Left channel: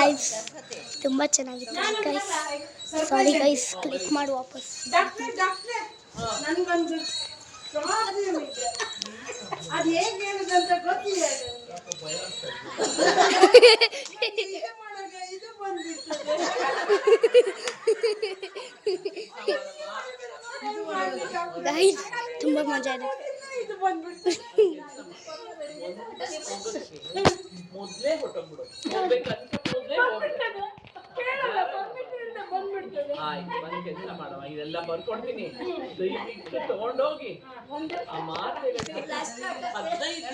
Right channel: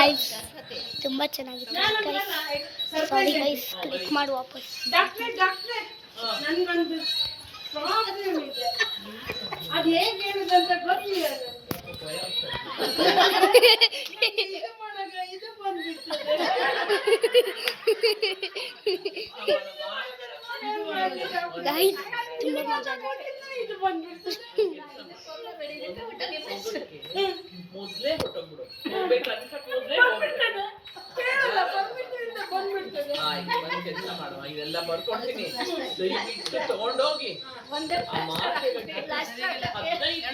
Guys ತುಂಬ ಚೆನ್ನಾಗಿತ್ತು guys. Sorry guys, click ಮಾಡಿ ವಾಪಸ್. ನನಗೊಂದು ಪ್ರಾಬ್ಲಮ್ ಇದೆ, ಅದು ಹೇಗೆ ಹೇಳುದಂತ ಗೊತ್ತಿಲ್ಲ. ಇದು ಬಂದ್ಬಿಡ್ತದೆ. ಗೈಸ್ ತುಂಬ ಮಜಾ ಇದೆ. ಇದು ಬಂದ್ಬಿಡ್ತದೆ. ಮೊದಲೇ ಹೊಟ್ಟೋಗ್ಬಿಡು. ಕೆಲಸ ಮಾಡುವ, ಇವೆಲ್ಲ ಬರ್ಕೊಡ್ತೀನಿ, ದಯವಿಟ್ಟು ತಗೊಂಡೋಗಿ. 15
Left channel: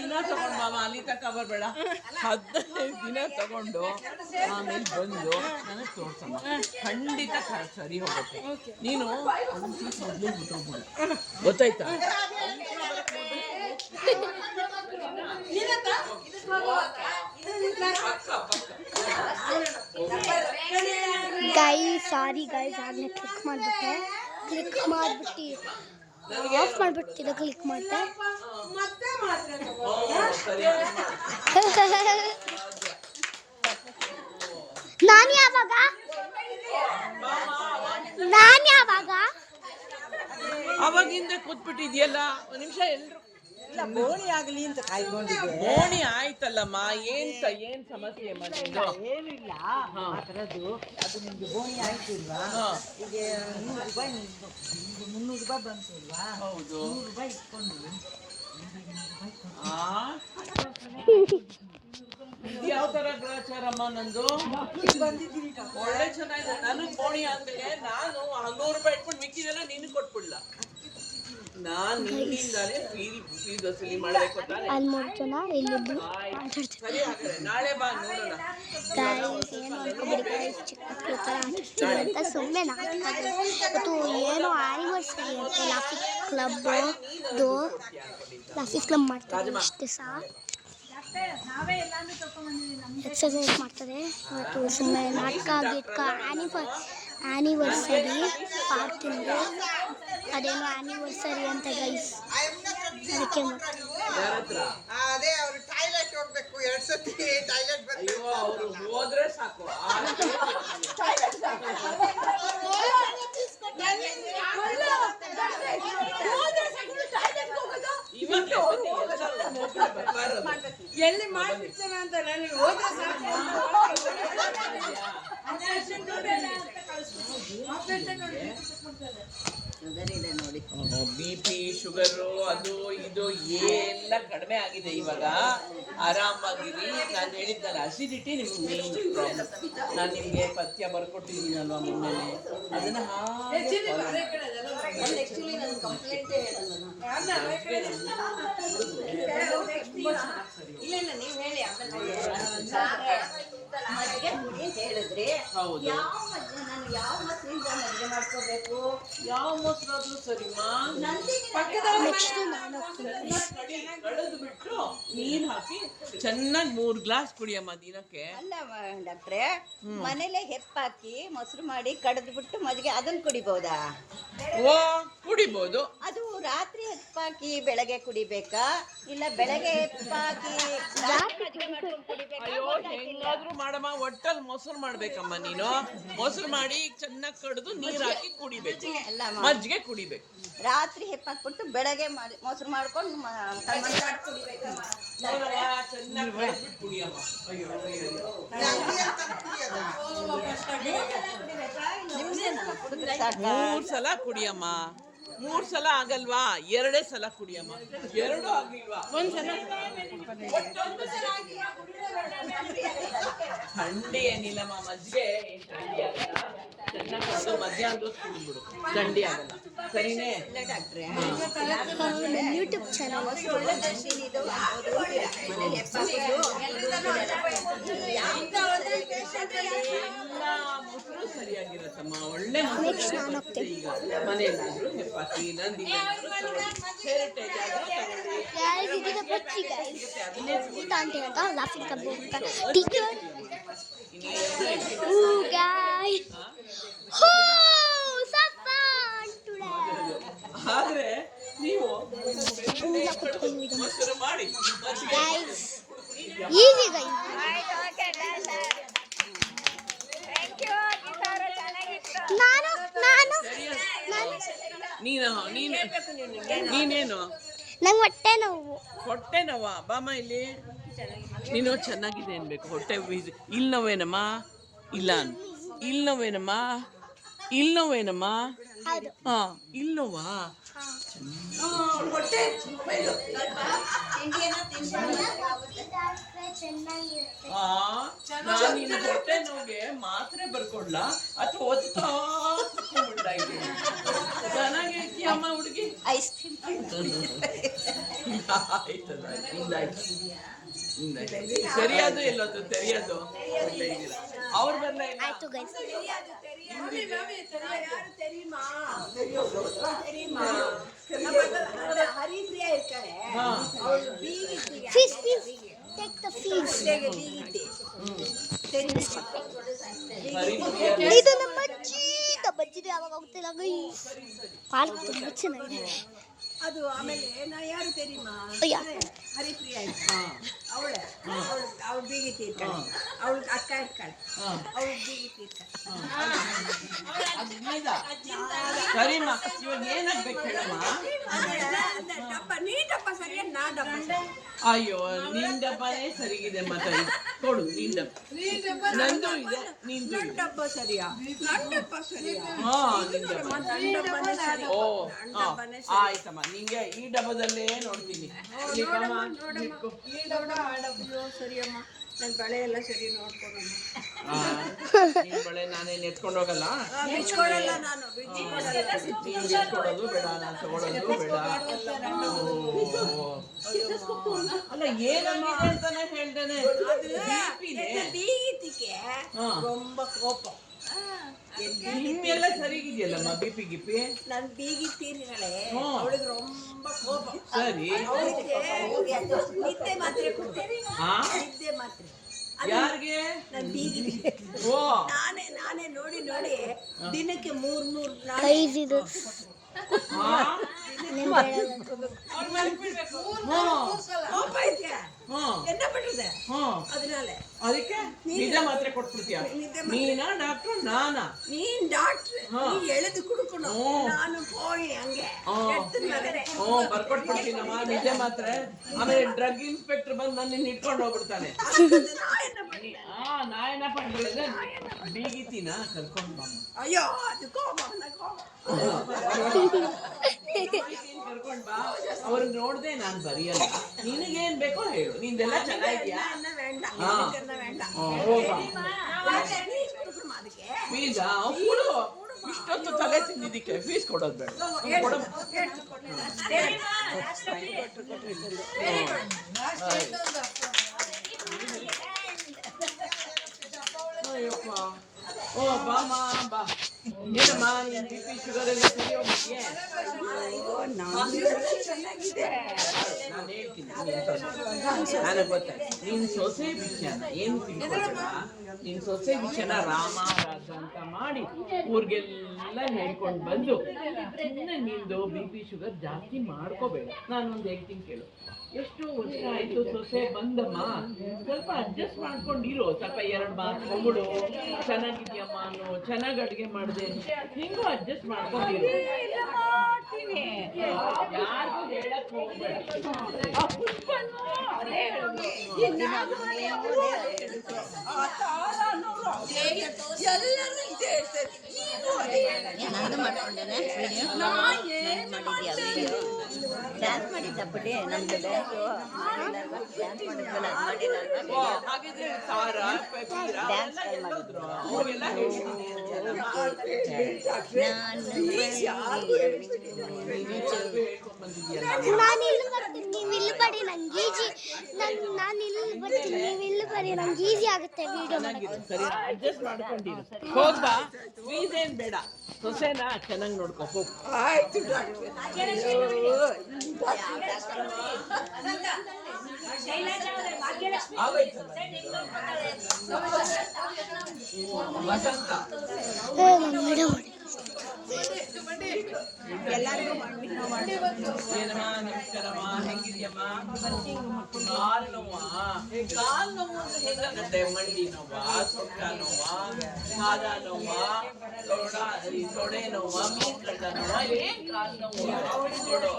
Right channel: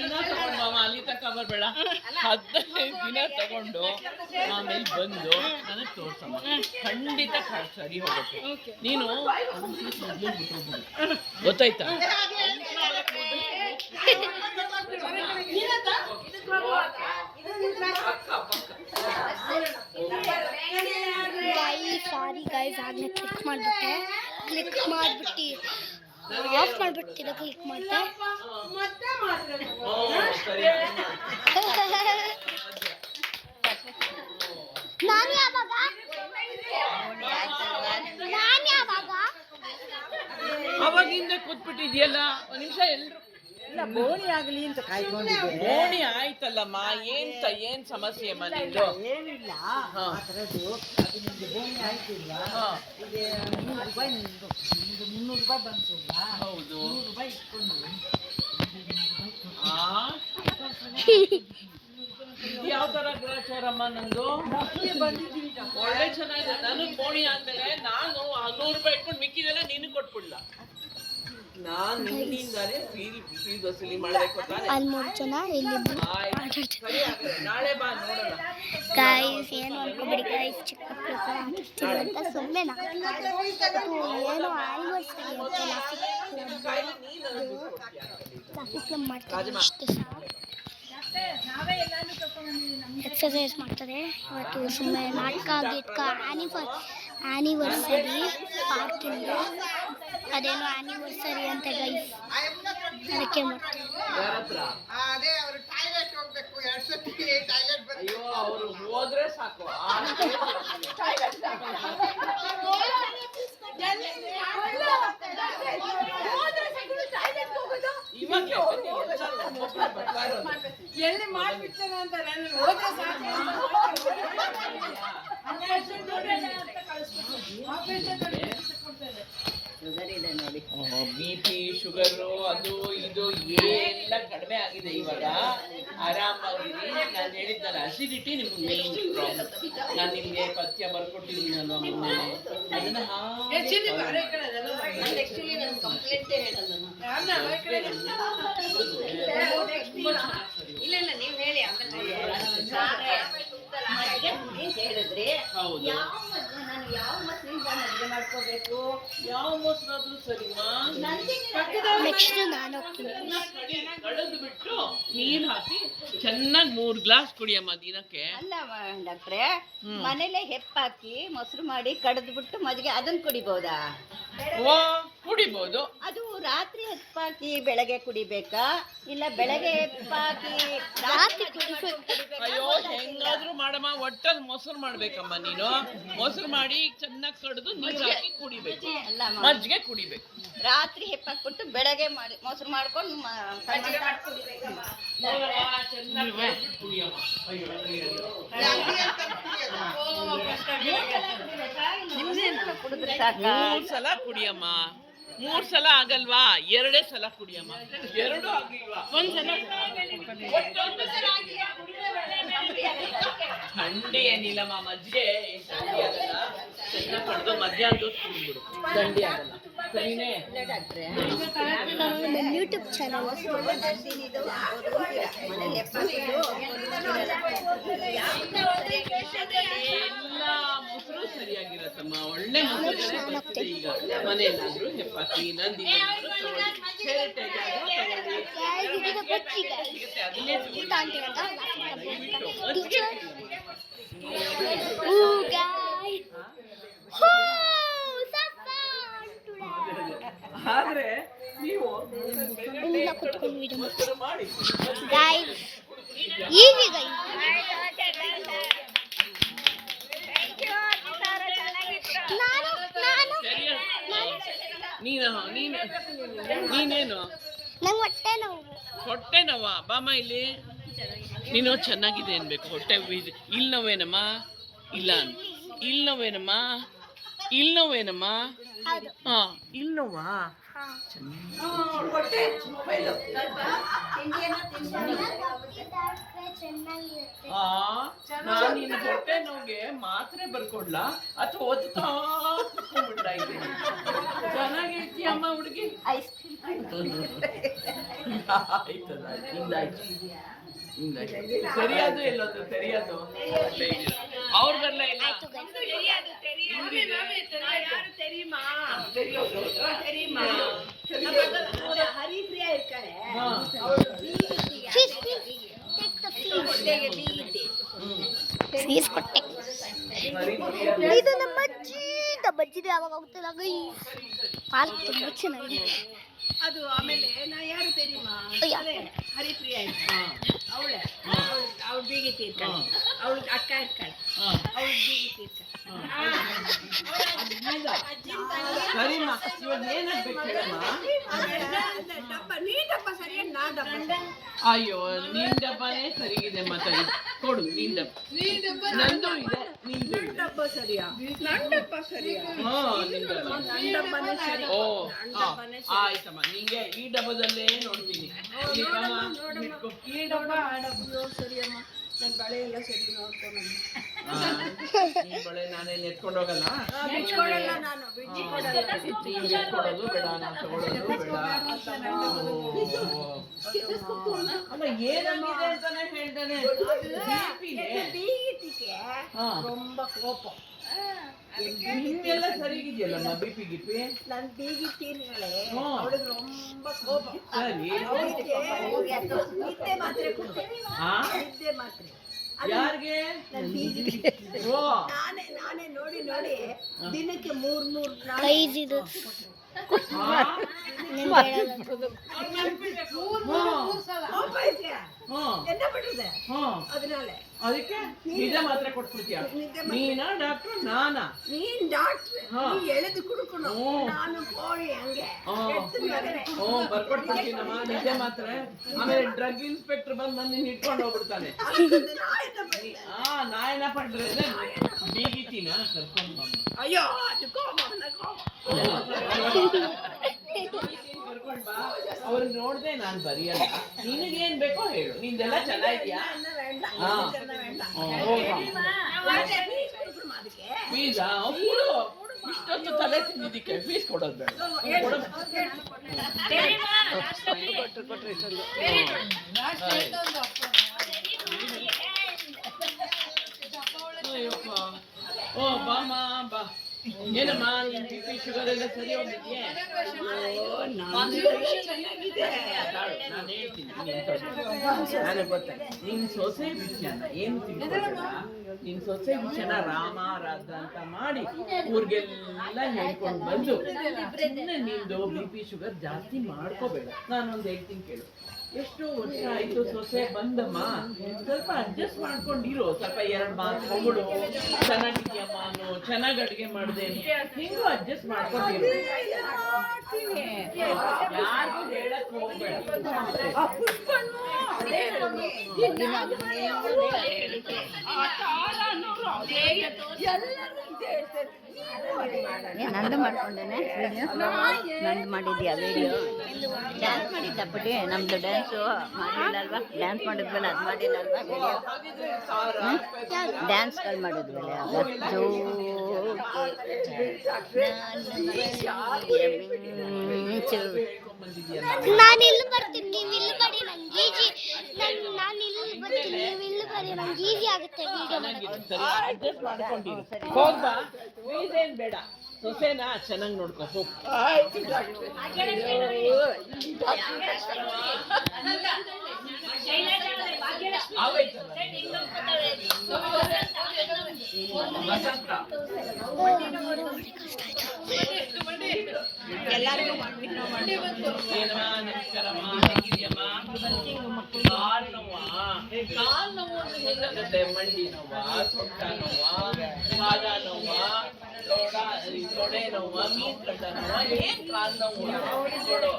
ದಿನ ತಗೊಂಡು ಮಾಮ, ಅಲ್ಲಿ ತನಕ ಬರ್ಬೇಡ, 15 ದಿನ ತಗೊಂಡು ಆಮೇಲೆ ಬಂದು ನನಗೆ ತೋರ್ಸಮ್ಮ. ಖಂಡಿತ ಸರಿ ಹೋಗುತ್ತೆ. ನೀನು ಮೊದಲು ಬಿಟ್ಟೋಗ್ಬಿಡು, ಗೊತ್ತಾಯ್ತಾ? ಗೈಸ್ ಸಾರಿ ಗೈಸ್, ಆಗಲೇ ಕ್ಲಿಕ್ ಮಾಡಿಬಿಟ್ಟು ಆಫ್ ಮಾಡಿಬಿಟ್ಟಿರೋ ಕ್ಲಿಕ್ ಮಾಡಿದೆ. ನಾನು ಯಾವಾಗ ಅವಾಗಿಂದ ಕೂತ್ಬಿಟ್ಟಿದ್ಯಲ್ಲ, ಒಂದು ನಿಮಿಷ ಎಲ್ರು ಬೋಣಿ ಆಗಲಿ ಅಂತ ಕಾಯ್ಕೊಂಡಿದ್ದೆ. ಬೋಣಿ ಆಯ್ತಲ್ಲಮ್ಮ, ಏನ್ ಸಮಸ್ಯೆ ಅಮ್ಮ ನಿಂದು? ಏನಿಲ್ಲ ಅದರದ್ದು, ಅದು ನಿಮ್ಗೆ ಬೋಣಿ ಆಯ್ತಿಲ್ಲ. ಈಗ 100 ರೂಪಾಯಿ, ನಿಮ್ಗೆ 300 ರೂಪಾಯಿ ಬಂತಿಲ್ಲ. ಹೌದು, 100 ರೂಪಾಯಿ ಇಟ್ಕೊಂಡು ಯಾವ ತರ ಗ್ರಾಚಾರಮ್ಮ ನಂದು? ಬಂದಿದ್ದೀವಿ. ಒಳ್ಳೆ ಚೆನ್ನಾಗಿದೆ. ನನಗ್ ಬೋಣಿ ಆದ್ಮೇಲೆ ನಾನು 100 ರೂಪಾಯಿ ಇಟ್ಕೊಂಡು ಮಿಕ್ಕಿದೆಲ್ಲ ನೀನು ಕೊಟ್ಬಿಡ್ಲ. ನಾನು ನಿನ್ನಿಂದಾನೇ ಫ್ರೀ ವಸೂಲಿ ಮಾಡಬೇಕು ತಾನೆ. ಅಲ್ಲಿ 3 ಜನ ಇಲ್ಲಿ ನಾಳೆ ಬಾ ನೋಡೋಣ. ಗೈಸ್ ಏನು ಅನ್ಕೋಬೇಡಿ ಗೈಸ್, ಚಿಕ್ಕ ಮಕ್ಕಳು ಥರ ಆಡ್ತಿದ್ರು ಅಂತ ಸುಮ್ಮನೆ ನಾಟಕ. ಅದು ಏನೋ ಆನಿವರ್ಸರಿ ಅಂತ ಲಾಫಿಕ್ ಕ್ಲಬ್ ಮಾಡ್ತಾರೆ ಇಷ್ಟು ಸಹ ಎಕ್ಸಸೈಸ್ ಮಾಡ್ತಾರೆ. ಇವತ್ತು ಸುಮ್ಮನೆ ನಾಟಕ ಗಿಟ್ಕ ಆನಿವರ್ಸರಿ ಪಾರ್ಕಿಂದು, ಅದೇನೋ ಆನಿವರ್ಸರಿ ಅಂತ ಗೈಸ್, ಅದಕ್ಕೆ ಮಾಡ್ತಾರೆ. ಅದೇ ಅವರು ಟಾಯ್ಲೆಟ್ ಹೋಗ್ಬೇಕು, 2 ಸತಿ ಟಾಯ್ಲೆಟ್ ಬರ್ತಾರೆ. ಅಯ್ಯೋ, ಅವರು ಹೋದ್ರೆ ಸಾಕು. ಎಲ್ಲಿ ಮಾಡ್ಬಿಡ್ತಾನೆ ಅಂತ ನನಗೆ ಹೋದ್ರೆ ಸಾಕು. BP ಶುಗರು ಅದು ಇದು ಎಲ್ಲ ಕಡಿಮೆ ಆಗಿದೆ ಇವಾಗ. ಆರಾಮಾಗಿರಿ. ನಾನು ಹೇಳಿದ್ದಲ್ಲ, ಅಸಿಡಿಟಿ ನಿಮ್ಗೆ ಮೇನ್ ಪ್ರಾಬ್ಲಮ್. ನಾನು ನಿಮಗೆ ಪಥ್ಯ ಬರ್ಕೊಟ್ಟಿದ್ದೀನಲ್ವ ಮೊನ್ನೆ, ಅದನ್ನ ಯಾವ ಮೊಸರಾದ್ರೂ ಸರಿಮಾ, ಕಳೆದು ಬಿಟ್ಟು ನೀರ್ ಹಾಕಿ ಚೆನ್ನಾಗಿ 3 ಗ್ಲಾಸ್ ಕುಡಿಯಮ್ಮ ದಿನಕ್ಕೆ. ಅಲ್ಲ ಡಾಕ್ಟ್ರೆ, ಮನೇಲೆ ಹೆಪ್ಪಾಕಿ ಮೊಸರು ಮಾಡಿ ಕಡ್ದು ಬಿಟ್ಟು ಮಜ್ಜಿಗೆ ಅದನ್ನ ಕುಡಿಬಹುದಾ? ಓ, ಕುಡಿಬಹುದು. ಅದು ರಾತ್ರಿ ಹೆಪ್ಪಾಕಿ ಬೆಳಗ್ಗೆ ಕುಡಿಬೇಕಾ, ಇಲ್ಲ ಬೆಳಗ್ಗೆ ಹೆಪ್ಪಾಕಿ ಅಯ್ಯೋ, ಹೆಂಗಾದ್ರೂ ಮಾಡಮ್ಮ, ಒಟ್ಟಲ್ಲಿ ಮೊಸರು ಮಾಡ್ಬೇಕಮ್ಮ. ನೀನು ಮೊಸರು ಮಾಡಿ ಚೆನ್ನಾಗಿ ಕಡ್ದು ನೀರ್ ಹಾಕಿ ಕುಡಿಬೇಕು, ಮಜ್ಜಿಗೆ ಕುಡಿಬೇಕು. ರಾತ್ರಿ ಹೆಪ್ಪಾಕ್ಬಿಟ್ಟು ಬೆಳಗ್ಗೆ ಮಾಡಿ ಮೊಸರು ಮಾಡ್ಕೊಂಡು ಕುಡಿಬೇಕಮ್ಮ. ಮೂರ್ ಸಲ ಕುಡಿಯಮ್ಮ. 3 ಸಲ ಆಗಲ್ವಾ? 2 ಸಲ ಕುಡಿಯಮ್ಮ. 2 ಆಗಿಲ್ವಾ? 1 ಸಲ. ಥಂಡಿ ಏನಿಲ್ಲಮ್ಮ, ಮಜ್ಜಿಗೆ ಥಂಡಿ ಆಗಲ್ಲ. ಚೆನ್ನಾಗಿ ಮಧ್ಯಾಹ್ನ ಕುಡಿದ್ಬಿಡು, ಥಂಡಿ ಆಗಲ್ಲ. ಸರಿನೇ ಡಾಕ್ಟ್ರೆ? ನನ್ನ ಯೂಟ್ಯೂಬ್ ಚಾನಲ್ ಎಲ್ಲ ಮೊಸರು ಸರಿಯಾಗಿರತ್ತಮ್ಮ. ಒಳ್ಳೆ ಮೊಸರು ಬರ್ತದೆ ಈಗ ಮನೆಯಲ್ಲಾದ್ರೂ ಹೆಪ್ಪಾಕಿ ನಂದಿ ಆದ್ರೆ ನೀವು ಮೊಸರು ಮಾಡಿ guys, easy guys. ನೀನೇನು ನಂಗೆ ಹೊಟ್ಟೆ ನೋವು. ಹೊಟ್ಟೆ ನೋವಾ? ಬಾಮ ಇಲ್ಲಿ. ನೀನು ಚೆನ್ನಾಗಿದೆ ಅನ್ಬೇಕು. ಹೊಟ್ಟೆ ಇಲ್ಲಿ ನೋವೇನಮ್ಮ? ಇಲ್ಲ ಇಲ್ಲಿ ನೋವೇನಮ್ಮ? ಇಲ್ಲಿ ನೋವೇನಮ್ಮ? ಹೌದು. ಹಾ, ಇಲ್ಲಿ ನೋವಾ? ನಾನು ನಿನ್ನ ಹೊಟ್ಟೆ ನೋವಿಗೆ ಮಾತ್ರೆ ಬರ್ಕೊಡ್ಲಾ ಅಥವಾ ಓದ್ತಾ ಕುತ್ಕೊಂಡ್ಬಿಡ್ತಾ ಇದ್ದೀನಿ? ಚೆನ್ನಾಗಿರ್ತೀಯಮ್ಮ ಹುಡುಗಿ. ಆಯ್ತದ, ಹಿಂದಾಯ್ತು. ಸರಿಯಾದು ಎಲ್ಲದು ತೆರಿಯೋದು ಅವ್ರು ಬರ್ಲ ಇಲ್ಲ. ಆಯ್ತು ಗೈಸ್. ಹರಿಪ್ರಿಯ ಇರ್ತಾರೆ. Fees take the fees. Fees ಕೊಟ್ಟೆ. ಇದು ನಮ್ಮ ಅಜ್ಜಿದೆ ಯಾವಾಗ ಹೋಗ್ತಿಲ್ಲ ಗೈಸ್. ಪಾರ್ಕ್ ತುಂಬ ಚೆನ್ನಾಗಿದೆ. ಅದು ಆಮೇಲೆ ನಾ ಯಾರು ತೆರಿಮಾ ಹರಿಪ್ರಿಯ ಇರ್ತಾಳೆ. ಅವಳೆ ಅವಳು ಬೀಗಿತಿ ಇರ್ತಾಳೆ. ಅವಳು ಅಕ್ಕ ಇರ್ತಾಳೆ. ಅವಳು ಬೀಗಿತಿ ಇರ್ತಾಳೆ. ಸರಿಮ್ಮ, ಇವಾಗ ಏನಾಗ್ಬೇಕು ಹೇಳಮ್ಮ? ಡಬ್ಬ ನೀ ಡಬ್ಬ ಸರಿಯಾಗಿ ನಾ ಡಬ್ಬ ಸರಿ. ಅಯ್ಯೋ, ನಿನ್ ಡಬ್ಬನೇ ಸರಿಗಿದೆ. ಮತ್ತೆ ಕೊಡು ನಿನ್ ಡಬ್ಬ. ನಂದು ಇದೆ, ನಿಂದು ಇದೆ. ಡಬ್ಬ ಸರಿಯಾ? ನನ್ನ ಡಬ್ಬ ಸರಿಯಾ? ಹಾ, ನಿನ್ ಡಬ್ಬ. ನನ್ನ ಡಬ್ಬನೇ ಸರಿ. ಓ, ಆಯ್ತಮ್ಮ. ನಿಂಗೆ ಈ ಡಬ್ಬದಲ್ಲೇ ನೋಡ್ತೀನಿ. ಇಟ್ಕೊ. ಈ ಡಬ್ಬ ಆ ಡಬ್ಬ ಸರಿಯಮ್ಮ. ನನ್ನ ಬಳೆ ಎಲ್ಲ ಸರಿ ನೋಡ್ಕೊಳಮ್ಮ. ನಿನ್ ಬಳೆ ನಾನೇನ್ ಎತ್ಕೊಂಡು ಹೋಗಲ್ಲ. ಬಿಚ್ಕೊಡಲ್ಲ ನಾನು, ಬಿಚ್ಚಿ ಕೊಡಲ್ಲ. ನೀನ್ ಬಿಚ್ಕೊಡೋದು ಬೇಡ, ನಾನು ತಗೊಳ್ಳೋದು ಬೇಡ. ಅಲ್ಲ, ಏನಾಗಿದೆ ಅಂತಾನೆ ಹೇಳ್ದೇನೆ. ಬೀಗಿತಿಗೆ ரொம்ப ಕೋಪ. ನಿಮ್ಮೆಲ್ಲ ಸರಿಗಿದೆಯಲ್ಲಮ್ಮ ಬಿಪಿ ಗಿಪಿ? ನನ್ ಬೀಗಿತೀರಿಗಳೇ ಅವಳಿಗೆ ரொம்ப ಕೋಪ. ಸರಿ, ನಿದ್ದೆ ಮಾತ್ರೆ ಕೊಡ್ತೇನೆ. ನಿದ್ದೆ ಮಾತ್ರೆ ಯಾರಿಗೆ? ನನ್ ಬೀಗಿತಿ. ಓ, ನಾನೇ ನೋಡಿ ದಿನಕ್ಕೆ 3 ಗೈಸ್ ಇದು என்ன பண்றது? அதனால ಅದಕ್ಕೆ ನಿದ್ದೆ ಮಾತ್ರೆ ಕೊಟ್ಬಿಡ್ತೀಯ? ನೀನಾ ಡಾಕ್ಟರ್ ನಾನಾ? ನೀನ್ ಡಾಕ್ಟರ್, ನೀ ಎಳೆದು ಕುಡ್ಕணும். ನಾನು ಹೋಗಿ ಹಂಗೆ ಬರ್ಕೊಟ್ಬಿಡ್ತೀನಮ್ಮ ನಿದ್ದೆ ಮಾತ್ರೆ. ಆಮೇಲೆ ಡ್ರಗ್ ಇನ್ಸ್ಪೆಕ್ಟರ್ ಬಂದು ನನ್ನ ಇಟ್ಕೊಂಡು ಹೋಗ್ಬಿಡ್ತಾನೆ. ನಾ ಏನ ಪಡ್ರೆ ಬೀಗಿತೀನ ಕರ್ಕೊಂಡು ಬಂದು. ಅಯ್ಯೋ, ಅದು ಕೋಪ. ಕರ್ಕೊಂಡ್ ಬಾ. ಅವ್ರನ್ನ ನೋಡ್ದೆ ನಾನ್ ಬರಿಯಲ್ಲ. ನಿನಗೇನ್ ಬೇಕೋ ಹೇಳು. ನಿಂದೆಲ್ಲ ಚೆನ್ನಾಗಿದ್ಯಾ? ಫೀಸಾ? ಕೊಡು. ಇಷ್ಟೊತ್ತು ತಲೆ ತಿಂದಿದ್ದಕ್ಕೆ ಫೀಸ್ ಕೊಡೋದು ಬೇಡ. ಅಯ್ಯಪ್ಪ. ಓ, ಬಾಮ ಬಾ. ಏನಮ್ಮ, ನಿನ್ ಬಿ ಪಿ ಶುಗರ್ ಎಲ್ಲ ಸರಿ ಹೋಗಿದ್ಯೆ? ಚೆನ್ನಾಗಿದೆ. ನಾನು ಹೇಳ್ತೀನಿ, ನನಗೆ ಗೊತ್ತ. ನಿನ್ ಸೊಸೆ ವಿಷಯನ ಏನು ತಿಳ್ಕೊಬೇಡ. ನಿನ್ ಸೊಸೆ ವಿಷಯನ ರಾಮ ರಾಜ ಅಂತ ಮಾಡಿ ಊರಿಗೆಲ್ಲ ಹೇಳ್ಕೊಂಡು ಬಂದು ಸುಮ್ಮನೆ ನಿಂದು ಬಿ ಪಿ ಶುಗರ್ ಜಾಸ್ತಿ ಮಾಡ್ಕೋಬೇಡ. ನಾನೊಂದು ಹೇಳ್ತೀನಿ ಕೇಳು. ಎಷ್ಟು ವರ್ಷ ಆಯ್ತು ಸೊಸೆ ಬಂದಮ್ಮ, ಸ್ವಲ್ಪ ಅಡ್ಜಸ್ಟ್ ಮಾಡ್ಕೊಂಡಿರೋ. ಸ್ವಲ್ಪ 2 ಮಾತು ಹೊಗಳು, ಚೆನ್ನಾಗಿದ್ಯಮ್ಮ ಅನ್ನೋ, ಚೆನ್ನಾಗಿ ಅಡುಗೆ ಮಾಡಿದೆ, ಹಿಂಗೂ ಅಡ್ಜಸ್ಟ್ ಮಾಡ್ಕೊಂಡಿರೋ. ಯಾರಿಗೂ ಹೇಳಕ್ ಹೋಗ್ಬೇಡ. ಎಲ್ಲರೂ ಇದೆ. ನಂದು ಮಾಡ್ಕೊಂಡೇನೆ ವಿಡಿಯೋ. ನಂದು ಮಾಡಿದ್ಯಾ ವಿಡಿಯೋ? ಡ್ಯಾನ್ಸ್ ಮಾಡಿದ್ದಪ್ಪಡಿ. ನಮ್ದು ಡ್ಯಾನ್ಸು ಮಾಡಿಲ್ಲಲ್ವಾ? ಡ್ಯಾನ್ಸ್ ಮಾಡಿದ್ವಲ್ಲ, ಅದು ಮಾಡಿಲ್ಲ ಅಲ್ವಾ ವಿಡಿಯೋ? ಡ್ಯಾನ್ಸ್ ಮಾಡಿದ್ವಿ. ನಾನು ಇಲ್ಲಿ ಬರ್ತೀನಿ, ನೀವು ಇಲ್ಲಿ ಬಡಿ. ನಂಗೆ ಈಜಿ. ನಾನು ಇಲ್ಲಿ ಬರ್ತೀನಿ, ನೀವು ಇಲ್ಲಿ ಬಡಿ. ನಂಗೆ ಈಸಿ ಆಗುತ್ತೆ ವಿಡಿಯೋ ಮಾಡೋದು. ಸರಿ, ಅಡ್ಜಸ್ಟ್ ಮಾಡ್ಕೊಂಡಿರು. ಹೋಗ್ಬಾ, ಫೀಸ್ ಏನ್ ಬೇಡ. ಸೊಸೆನ ಚೆನ್ನಾಗಿ ನೋಡ್ಕೊ, ಹೋಗ್. ಆಯ್ತು ವಸಂತ ಏನಮ್ಮ, ನಮಸ್ಕಾರಮ್ಮ, ಹೆಂಗಿದ್ಯಮ್ಮ? ಕಾಲ್ ನೋವಾ? ಕಾಲ್ ನೋವು ಅಂದ್ರೆ ಹೇಗಾಗತ್ತೆ? ಮಂಡಿ ನೋವಾ, ಸೊಂಟ ನೋವಾ, ಪಾದ ನೋವಾ, ಈ ತೊಡೆ ನೋವ ಮೂಕಂಡ ನೋವ ಏನ್ ಕಾಲ್ ನೋವು ನೋಡು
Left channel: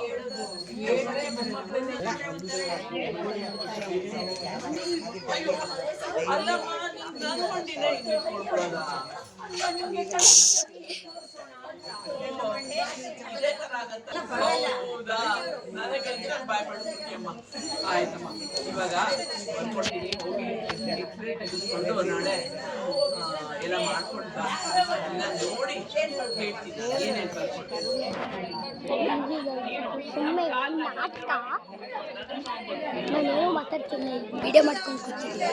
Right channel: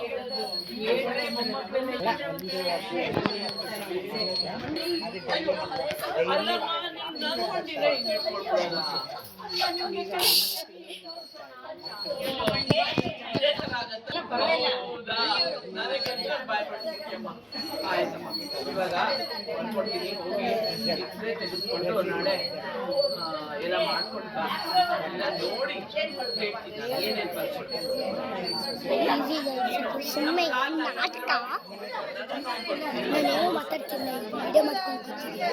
ಅಯ್ಯೋ ಅಲ್ಲಮ್ಮ ನೀನ್ ನಾನು ಹೊಂದಿನ ಹಿಂಗೆ ಇಟ್ಕೊಳ್ಕೊಳ್ಳೋದ ಇದೇ ತರ ಆಗತ್ತೆ ಹೌದಾ ನನಗಂತ ಬಾಯ್ ಮಾಡ್ಬಿಡ್ತೀಯಮ್ಮ ಆಯ್ತಮ್ಮ ಇವಾಗ ಬರ್ಕೊಡ್ತೀನಿ ಹೋಗಿ ಎಕ್ಸ್ರೇ ತೆಗೆದುಕೊಂಡು ನಾಳೆ ಎಲ್ಲ ಮಾಡ್ಕೊಂಡು ಬಾ ಎಲ್ಲ ನೋಡಿ ಹೇಳ್ತೀನಿ ನಾನು ಏನೇನು ಬರ್ಕೊಡ್ತೀನಿ ಸುಮ್ಮನೆ ನಾಟಕ ನಾನೇನೋ ಮಾತಾಡ್ತೀನಿ ವಿಡಿಯೋ ಮಾಡ್ಕೊಂಡು ಕೂತಿದ್ದೀನಿ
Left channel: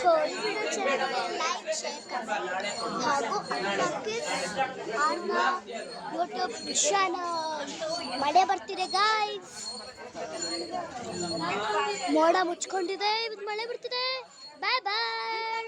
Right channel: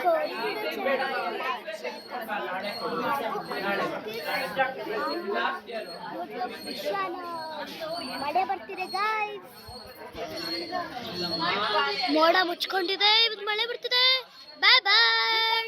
ಸೊ ಈ ವಿಡಿಯೋ ಚಾನಲ್ ಲೈಕ್ ಶೇರ್ ಹಾಗೂ ಯೂಟ್ಯೂಬ್ ಚಾನಲ್ ಮಳೆ ಬರ್ತಿದೆ ಗಾಯ್ಸ್ ಮೋಡ ಮುಚ್ಕೊಂಡಿದೆ ಇವತ್ತು ಮಳೆ ಬರ್ತಿದೆ ಬಾಯ್ ಬಾಯ್